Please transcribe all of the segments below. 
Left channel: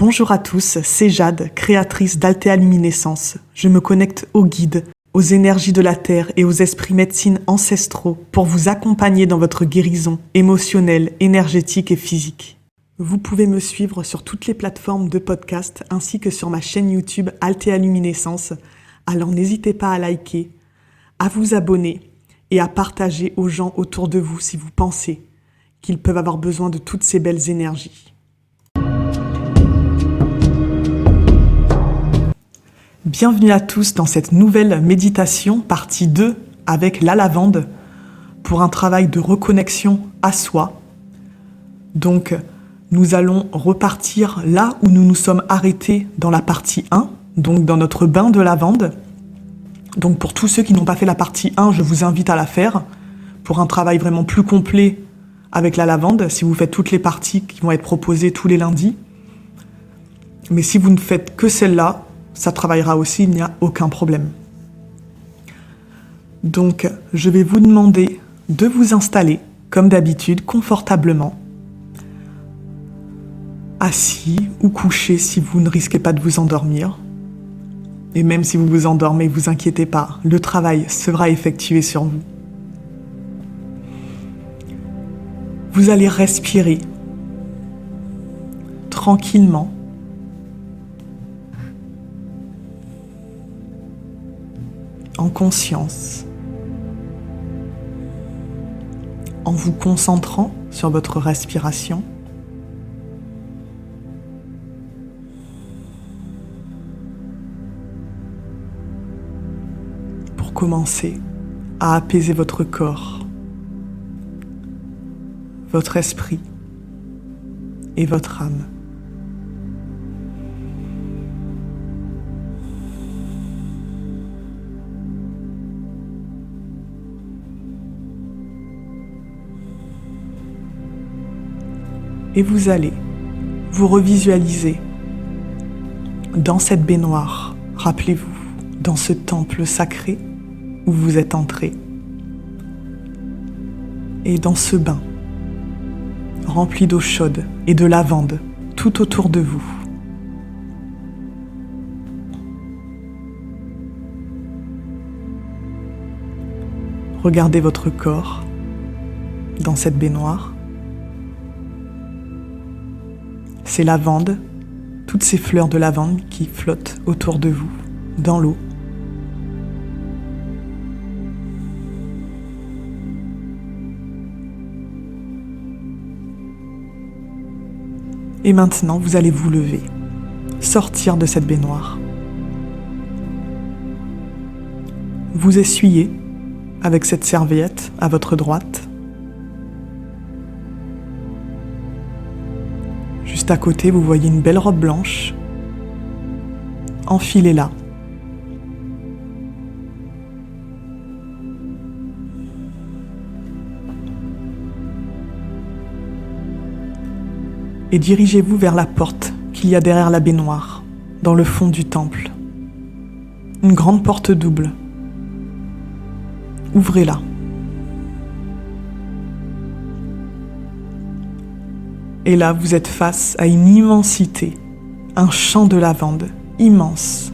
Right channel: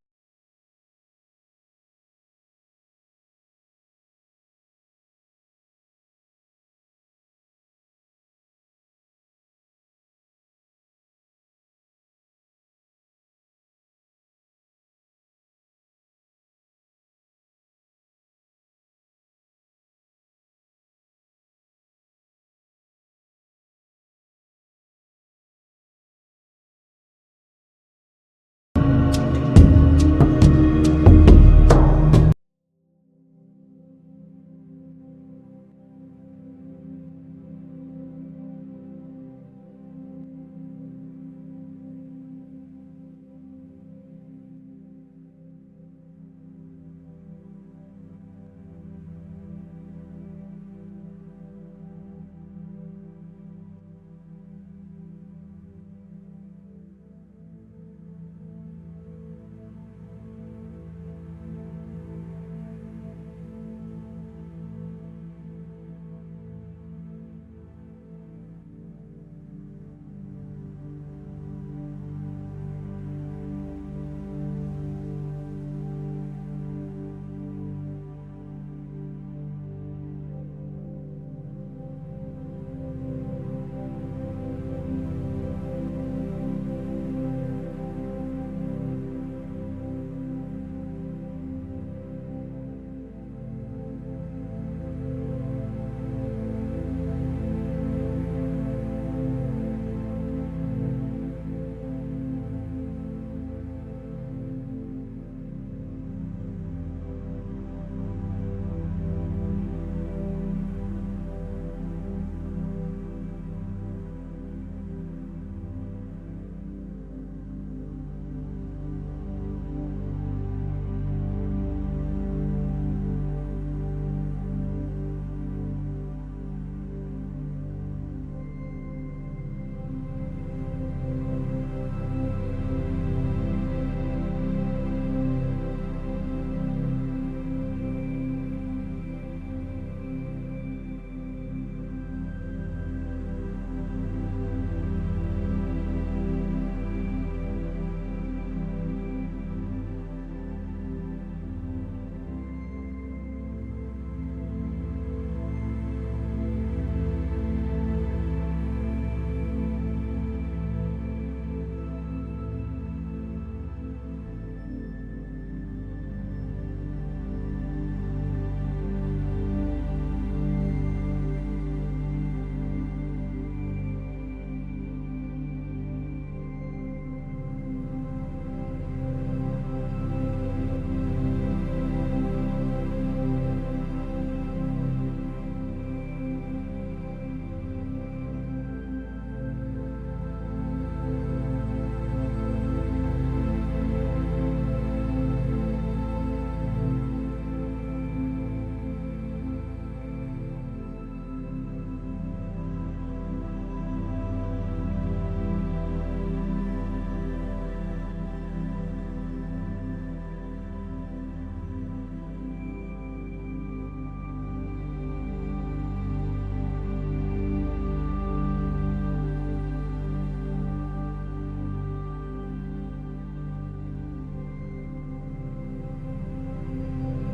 Bonjour à tous, c'est Jade, créatrice d'Altea Luminescence. Je me connecte aux guides, aux énergies de la Terre et aux esprits médecine ancestraux pour vous accompagner dans votre guérison émotionnelle, énergétique et physique. Vous pouvez me suivre sur toutes les plateformes de podcast ainsi que sur ma chaîne YouTube Altea Luminescence. Alors n'hésitez pas à liker, à vous abonner et à partager aux gens autour de vous si vous pensez qu'ils peuvent avoir besoin de toutes ces belles énergies. Bienvenue à tous dans cette nouvelle méditation, partie 2, avec la lavande, pour un travail de reconnexion à soi. Donc, nous allons repartir là où nous nous sommes arrêtés dans la partie 1, donc dans notre bain de lavande. Donc pour tous ceux qui n'ont pas fait la partie 1, je vous invite à la faire, pour un travail vraiment plus complet avec la lavande, si vous faites toutes les parties qui vont être proposées tous les lundis. Mais si vous ne faites que celle-là, ça travaillera aussi, il n'y a aucun problème. Donc, je vais vous demander de vous installer, comme d'habitude, confortablement, assis ou couché si vous ne risquez pas de vous endormir. Et même si vous vous endormez, ne vous inquiétez pas, le travail sera effectué sur vous. Vous allez respirer tranquillement, en conscience, en vous concentrant sur votre respiration. Pour commencer à apaiser votre corps, votre esprit et votre âme. Et vous allez vous revisualiser dans cette baignoire, rappelez-vous, dans ce temple sacré où vous êtes entré. Et dans ce bain, rempli d'eau chaude et de lavande tout autour de vous. Regardez votre corps dans cette baignoire. Ces lavandes, toutes ces fleurs de lavande qui flottent autour de vous, dans l'eau. Et maintenant, vous allez vous lever, sortir de cette baignoire. Vous essuyez avec cette serviette à votre droite. Juste à côté, vous voyez une belle robe blanche. Enfilez-la. Et dirigez-vous vers la porte qu'il y a derrière la baignoire, dans le fond du temple. Une grande porte double. Ouvrez-la. Et là, vous êtes face à une immensité, un champ de lavande immense,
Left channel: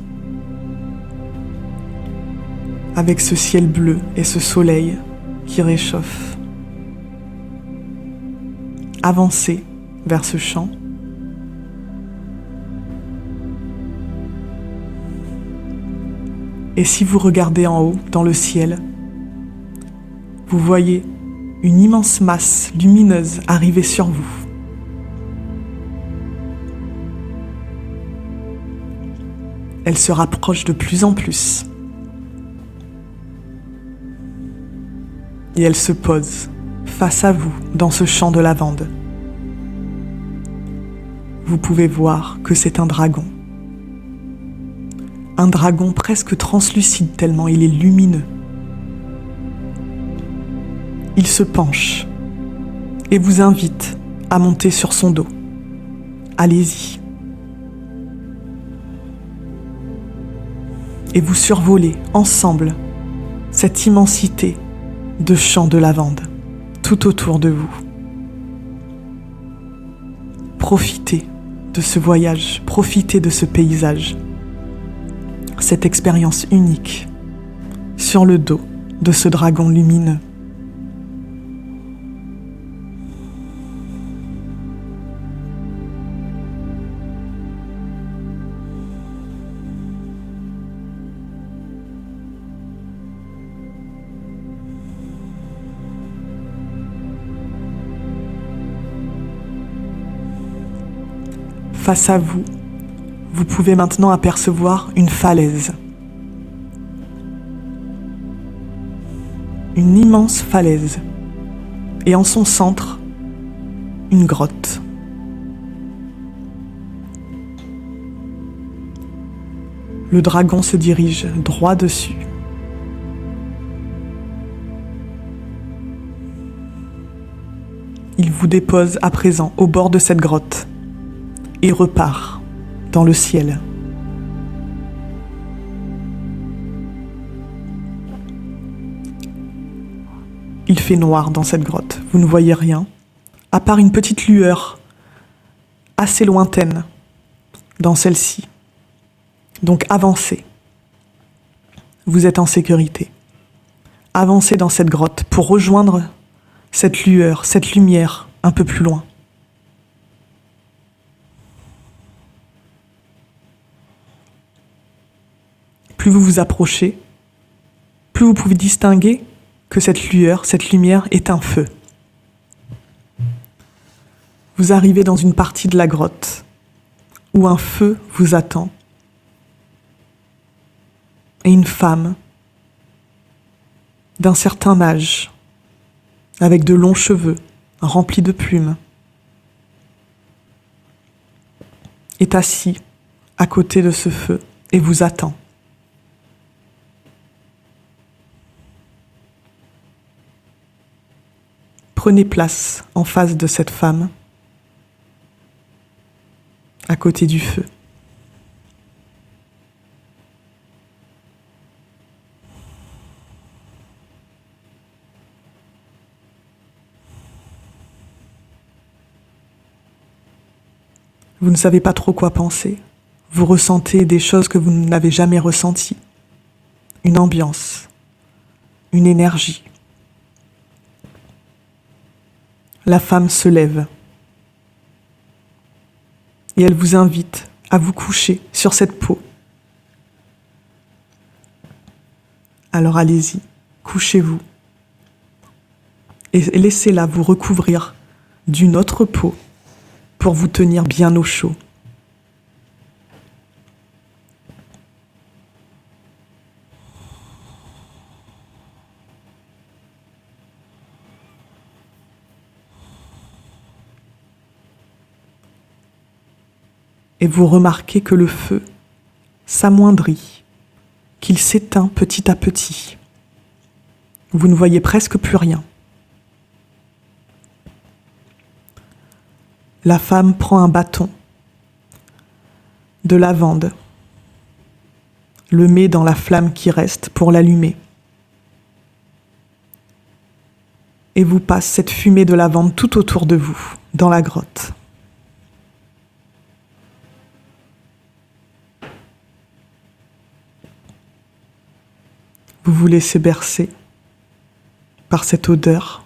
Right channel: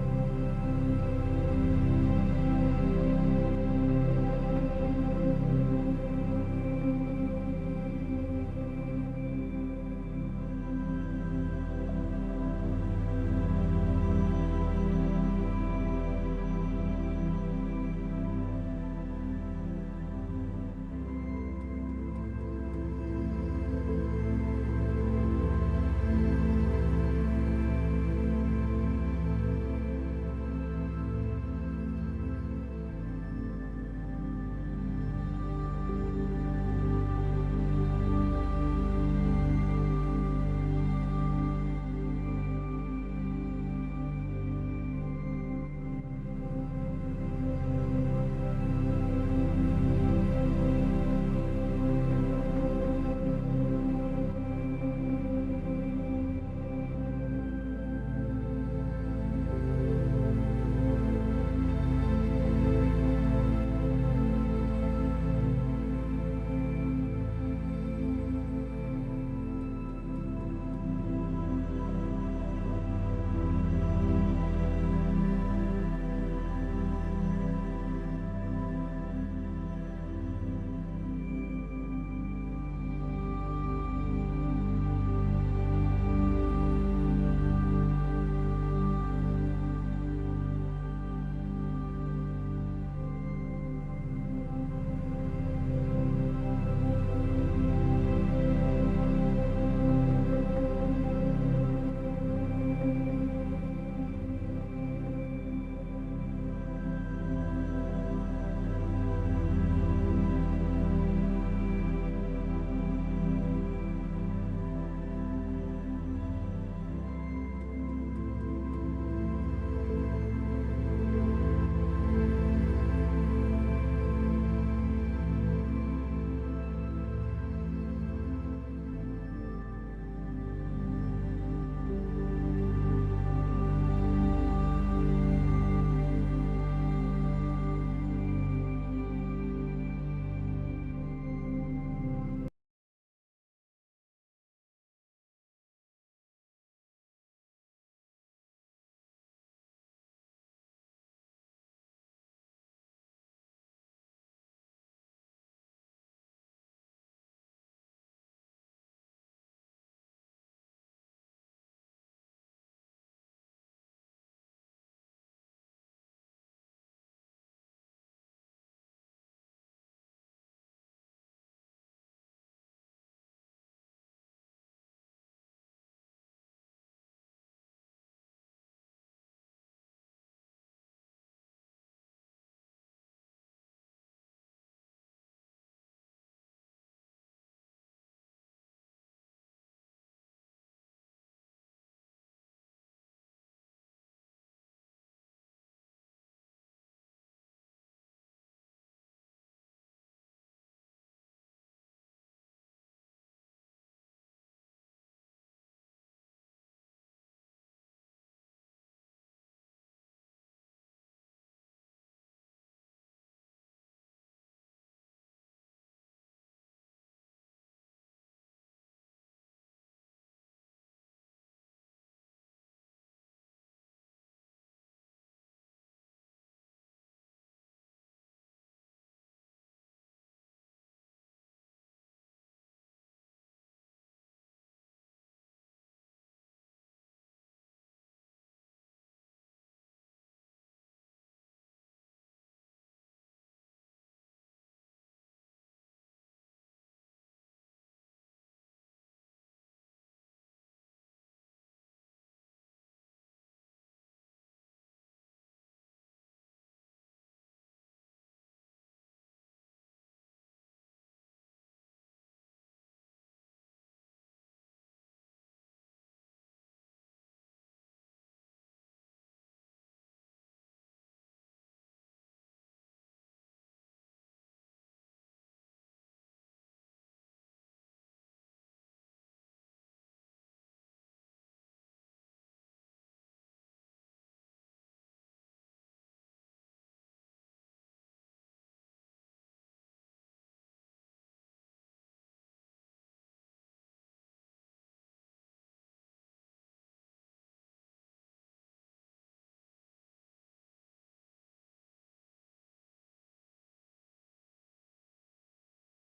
avec ce ciel bleu et ce soleil qui réchauffe. Avancez vers ce champ. Et si vous regardez en haut, dans le ciel, vous voyez une immense masse lumineuse arriver sur vous. Elle se rapproche de plus en plus. Et elle se pose face à vous dans ce champ de lavande. Vous pouvez voir que c'est un dragon. Un dragon presque translucide tellement il est lumineux. Il se penche et vous invite à monter sur son dos. Allez-y. Et vous survolez ensemble cette immensité de champs de lavande tout autour de vous. Profitez de ce voyage, profitez de ce paysage, cette expérience unique sur le dos de ce dragon lumineux. Face à vous, vous pouvez maintenant apercevoir une falaise. Une immense falaise. Et en son centre, une grotte. Le dragon se dirige droit dessus. Il vous dépose à présent au bord de cette grotte. Et repart dans le ciel. Il fait noir dans cette grotte, vous ne voyez rien, à part une petite lueur assez lointaine dans celle-ci. Donc avancez. Vous êtes en sécurité. Avancez dans cette grotte pour rejoindre cette lueur, cette lumière un peu plus loin. Plus vous vous approchez, plus vous pouvez distinguer que cette lueur, cette lumière est un feu. Vous arrivez dans une partie de la grotte où un feu vous attend et une femme d'un certain âge, avec de longs cheveux remplis de plumes, est assise à côté de ce feu et vous attend. Prenez place en face de cette femme, à côté du feu. Vous ne savez pas trop quoi penser. Vous ressentez des choses que vous n'avez jamais ressenties. Une ambiance, une énergie. La femme se lève et elle vous invite à vous coucher sur cette peau. Alors allez-y, couchez-vous et laissez-la vous recouvrir d'une autre peau pour vous tenir bien au chaud. Et vous remarquez que le feu s'amoindrit, qu'il s'éteint petit à petit. Vous ne voyez presque plus rien. La femme prend un bâton de lavande, le met dans la flamme qui reste pour l'allumer, et vous passe cette fumée de lavande tout autour de vous, dans la grotte. Vous vous laissez bercer par cette odeur,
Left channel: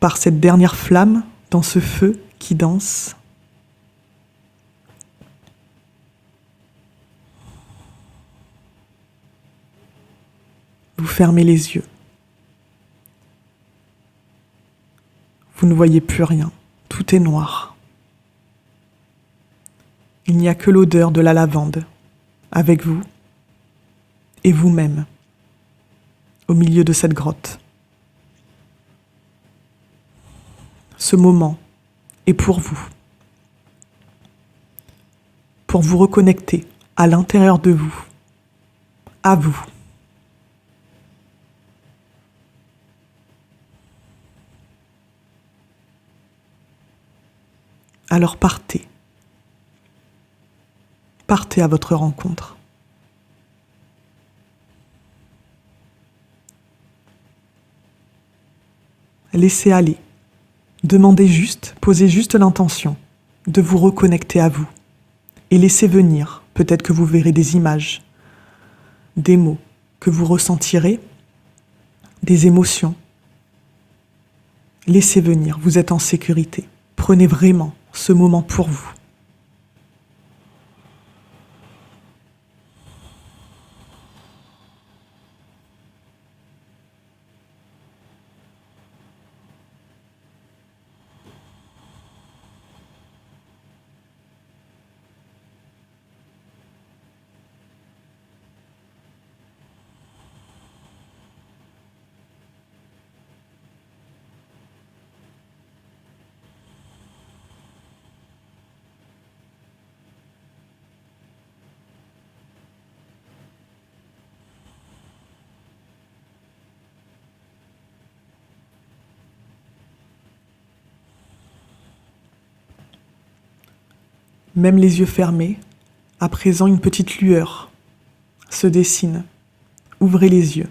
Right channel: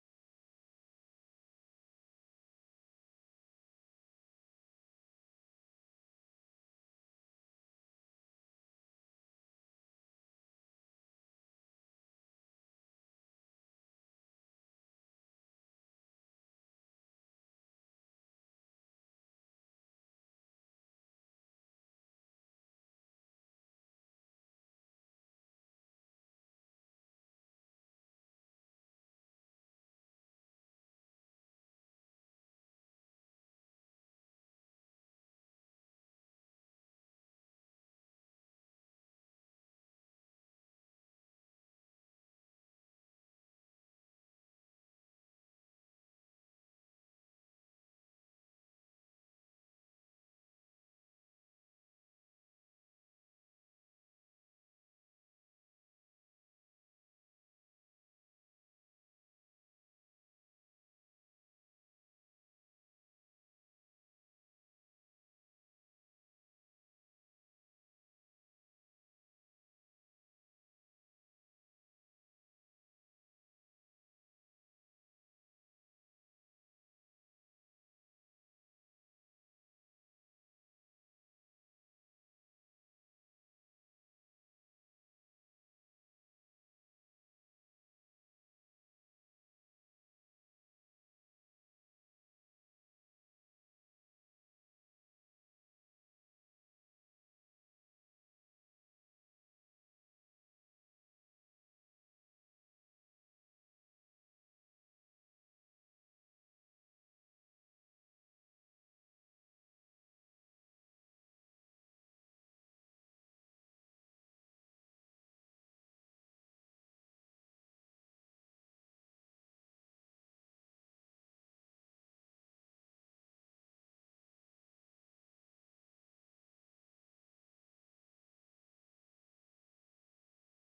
par cette dernière flamme dans ce feu qui danse. Vous fermez les yeux. Vous ne voyez plus rien. Tout est noir. Il n'y a que l'odeur de la lavande avec vous et vous-même au milieu de cette grotte. Ce moment est pour vous reconnecter à l'intérieur de vous, à vous. Alors partez. Partez à votre rencontre. Laissez aller. Demandez juste, posez juste l'intention de vous reconnecter à vous et laissez venir, peut-être que vous verrez des images, des mots que vous ressentirez, des émotions. Laissez venir, vous êtes en sécurité. Prenez vraiment ce moment pour vous. Même les yeux fermés, à présent une petite lueur se dessine. Ouvrez les yeux.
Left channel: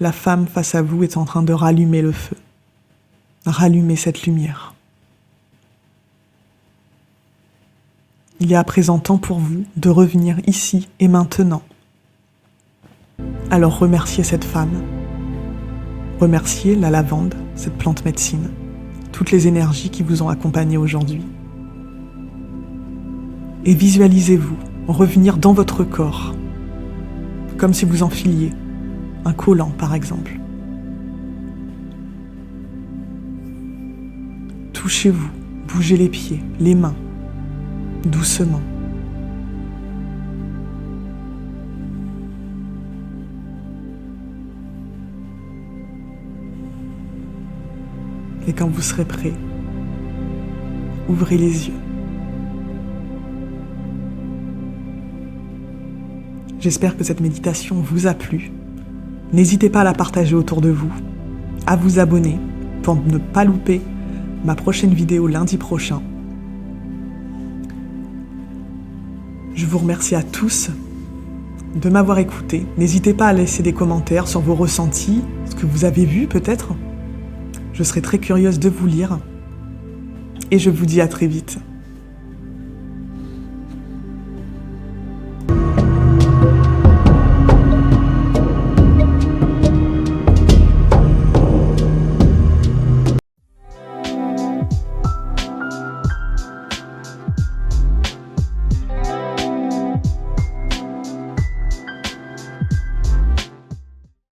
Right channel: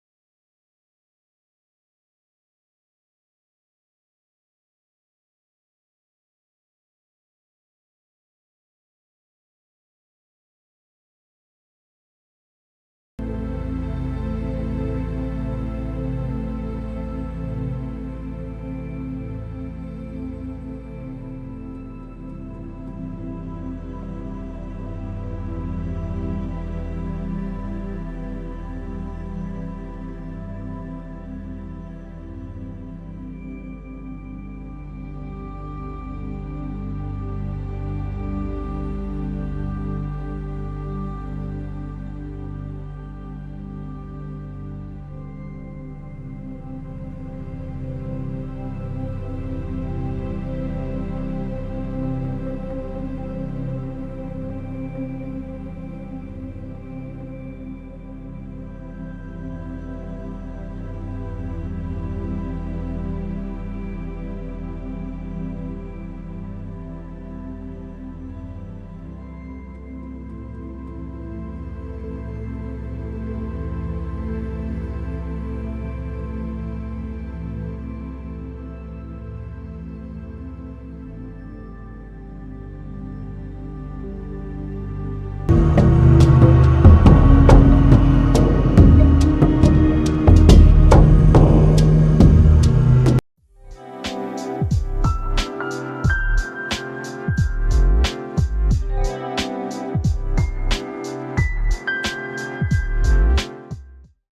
La femme face à vous est en train de rallumer le feu. Rallumez cette lumière. Il est à présent temps pour vous de revenir ici et maintenant. Alors remerciez cette femme. Remerciez la lavande, cette plante médecine, toutes les énergies qui vous ont accompagné aujourd'hui. Et visualisez-vous revenir dans votre corps, comme si vous enfiliez un collant par exemple. Touchez-vous, bougez les pieds, les mains, doucement. Et quand vous serez prêt, ouvrez les yeux. J'espère que cette méditation vous a plu. N'hésitez pas à la partager autour de vous, à vous abonner pour ne pas louper ma prochaine vidéo lundi prochain. Je vous remercie à tous de m'avoir écouté. N'hésitez pas à laisser des commentaires sur vos ressentis, ce que vous avez vu peut-être. Je serai très curieuse de vous lire. Et je vous dis à très vite.